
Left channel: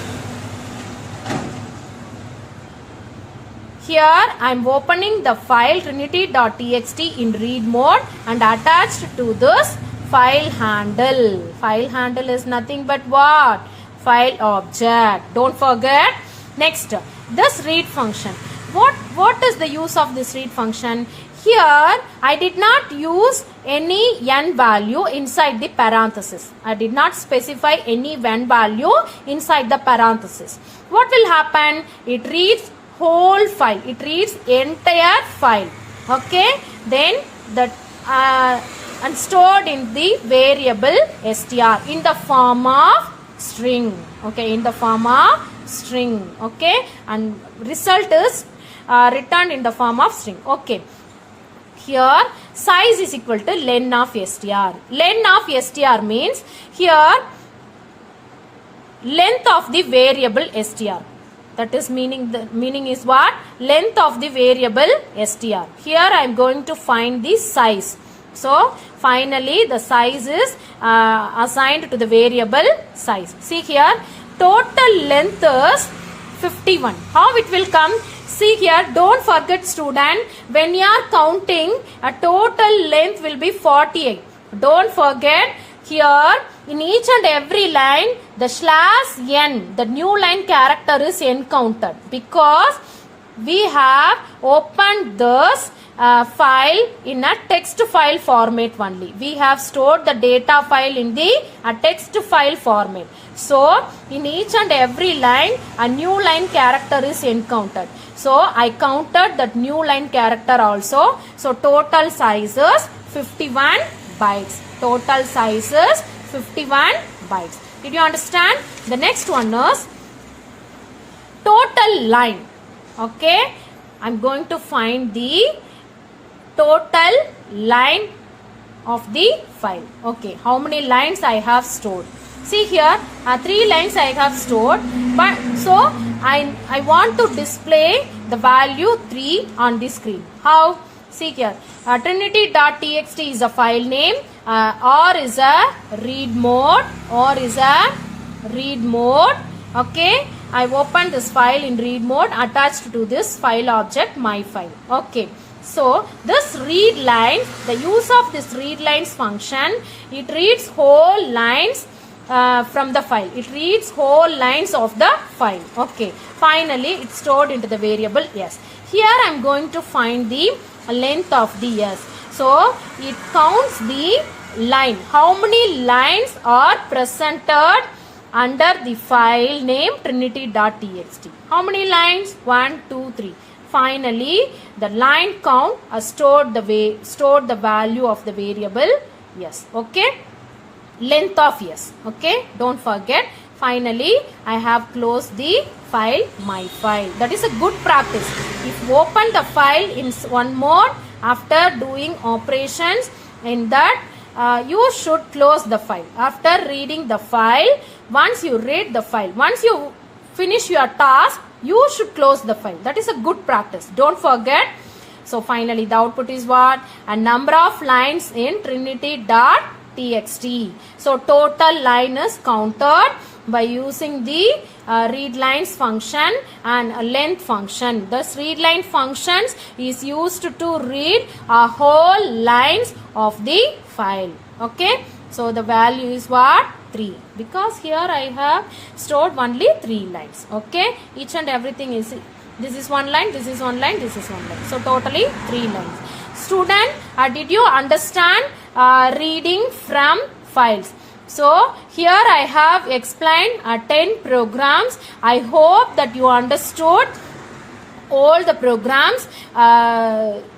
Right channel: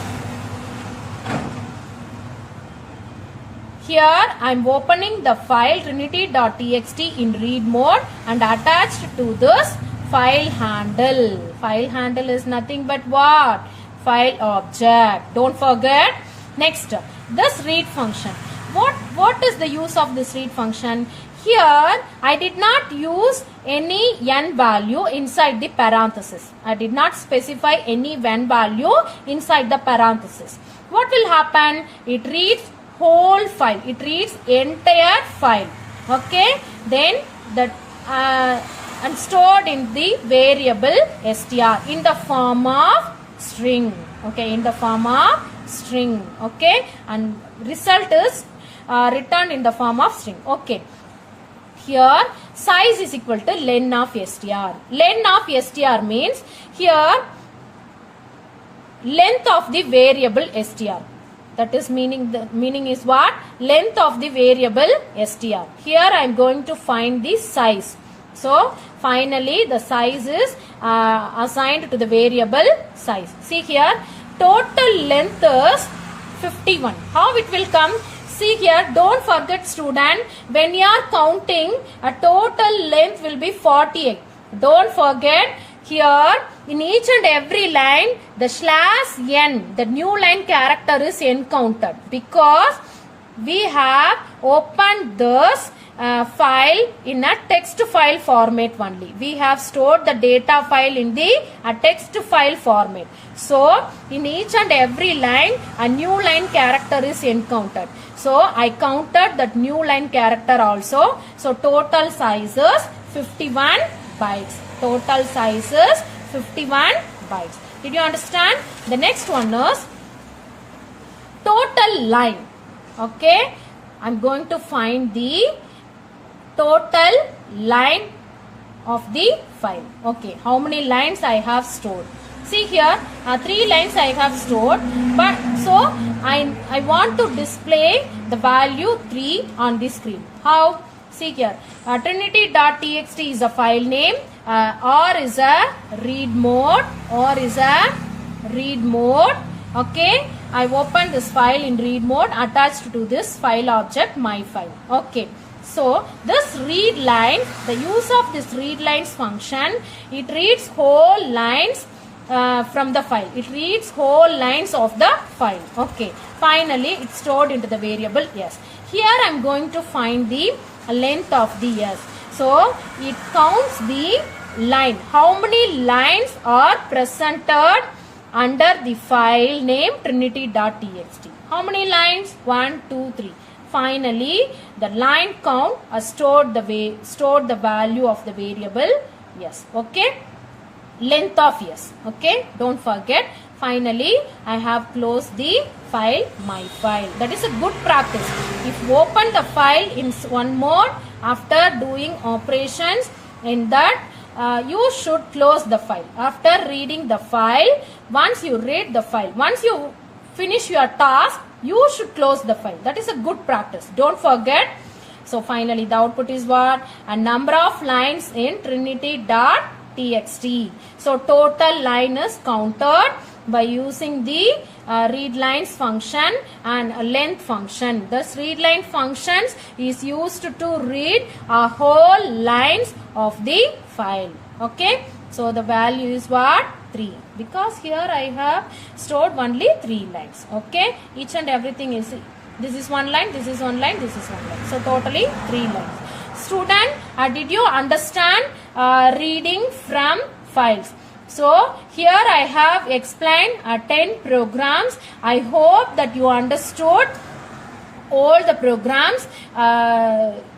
Here I am opening the file trinity.txt in read mode and attached to this file handle. File handle is nothing but what? File object. Don't forget. Next, this read function. What is the use of this read function? Here, I did not use any n value inside the parenthesis. I did not specify any n value inside the parenthesis. What will happen? It reads whole file. It reads entire file. Okay. Then the and stored in the variable str in the form of string. Okay. In the form of string. Okay. And result is returned in the form of string. Okay. Here size is equal to len of str. Len of str means here length of the variable str. That is meaning, the meaning is what? Length of the variable str. Here I am going to find the size. So finally the size is assigned to the variable size. See here, total length is 51. How it will come? See here, don't forget student, when you are counting, a total length will be 48. Don't forget, here in each and every line, the slash n, the new line character is encountered because we have opened this file in a text file format only. We have stored the data file in the text file format. So in each and every line, a new line character is encountered. So I counted that new line character also. So total size is 51 bytes. Total size is 51 bytes. Did you understand? The next one is total line. Okay. I'm going to find the total line of the file. Okay. How many lines I have stored? See here, 3 lines I have stored, but so I want to display the value 3 on the screen. How? See here, trinity.txt is a file name, or is a read mode, Okay, I opened this file in read mode attached to this file object my file. Okay. So this read line, the use of this read lines function, it reads whole lines from the file. It reads whole lines of the file. Okay. Finally, it's stored into the variable s. Here I am going to find the length of the s. So it counts the line. How many lines are presented under the file name trinity.txt? How many lines? 1, 2, 3. Finally, the line count stored the value of the variable yes. Okay. Length of yes. Okay. Don't forget. Finally, I have closed the file, my file. That is a good practice. If you open the file in one mode after doing operations, in that you should close the file. After reading the file, once you read the file, once you finish your task, you should close the file. That is a good practice. Don't forget. So finally the output is what? A number of lines in trinity.txt. So total line is counted by using the readlines function and length function. This readline functions is used to read a whole lines of the file. Okay. So the value is what? 3. Because here I have stored only 3 lines. Okay. Each and everything is, this is one line, this is one line, this is one line. So totally 3 lines. Student, did you understand reading from files? So here I have explained 10 programs. I hope that you understood all the programs.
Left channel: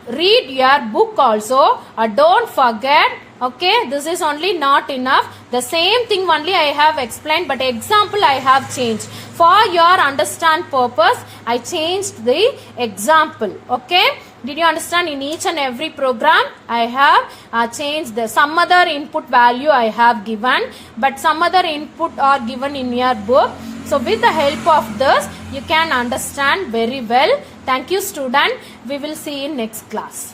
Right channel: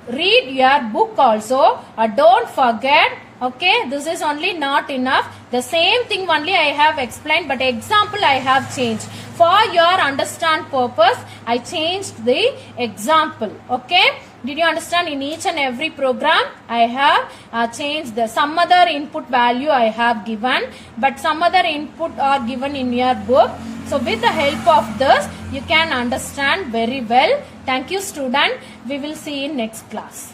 Read your book also. Don't forget. Okay, this is only not enough. The same thing only I have explained, but example I have changed. For your understand purpose, I changed the example. Okay, did you understand? In each and every program, I have changed some other input value I have given, but some other input are given in your book. So with the help of this, you can understand very well. Thank you, student. We will see in next class.